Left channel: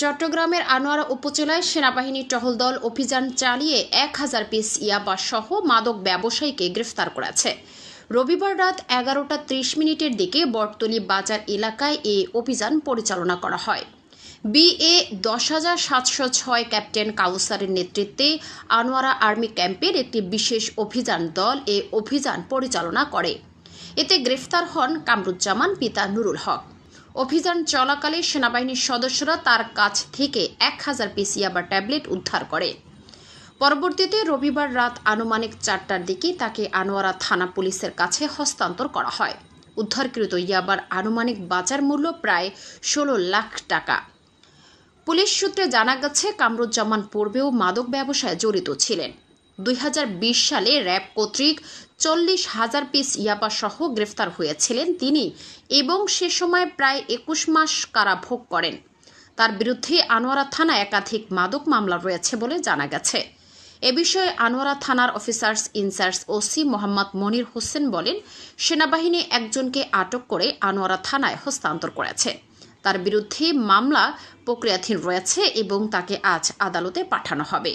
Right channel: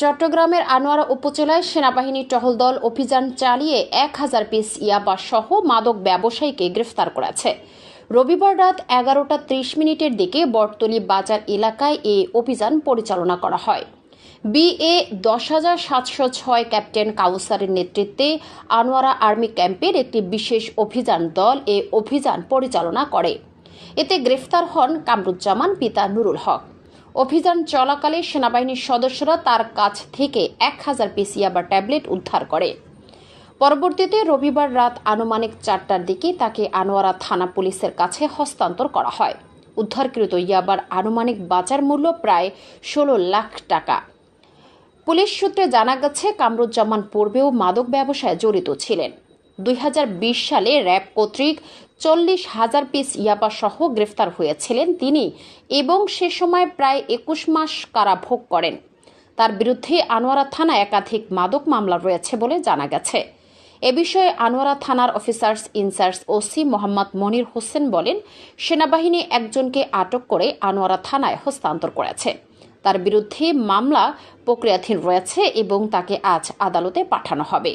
চট্টগ্রামের আনোয়ারা উপজেলায় সেনাবাহিনী টহল দল অভিযান চালিয়ে 1000 পিস ইয়াবা সহ মাদক ব্যবসায়ীকে গ্রেফতার করেছে। রবিবার রাত 11:30 দিকে বটতলী বাজার এলাকায় এই অভিযান পরিচালনা করা হয়। BA 10706 ক্যাপ্টেন কাউসারের নেতৃত্বে আনোয়ারা আর্মি ক্যাম্পের একটি বিশেষ অভিযান দল এই অভিযান পরিচালনা করে। এতে গ্রেফতার হন কামরুজ্জামান পিতা নুরুল হক। অভিযান চলাকালে সেনাবাহিনীর সদস্যরা তার কাছ থেকে 1000 পিস ইয়াবা ট্যাবলেট উদ্ধার করে। পরবর্তীতে রবিবার রাত আনুমানিক 4টার দিকে তাকে আনোয়ারা থানা পুলিশের কাছে হস্তান্তর করা হয়। উদ্ধারকৃত ইয়াবার আনুমানিক বাজার মূল্য প্রায় 16 লাখ টাকা। পুলিশ সূত্রে জানা গেছে, কামরুজ্জামান পূর্বেও মাদক ব্যবসায় জড়িত ছিলেন। 2020 সালে র্যাব কর্তৃক 40,000 পিস ইয়াবা সহ গ্রেফতার হয়েছিলেন তিনি এবং সে সময় প্রায় 21 মাস কারাভোগ করেন। তার বিরুদ্ধে আনোয়ারা থানায় একাধিক মাদক মামলা রয়েছে বলে জানা গেছে। এ বিষয়ে আনোয়ারা থানার officers in charge OC Mohammad Monir Hossain বলেন, সেনাবাহিনী একজনকে আটক করে আনোয়ারা থানায় হস্তান্তর করেছে। তার বিরুদ্ধে মামলা প্রক্রিয়াধীন রয়েছে এবং তাকে আজ আদালতে পাঠানো হবে।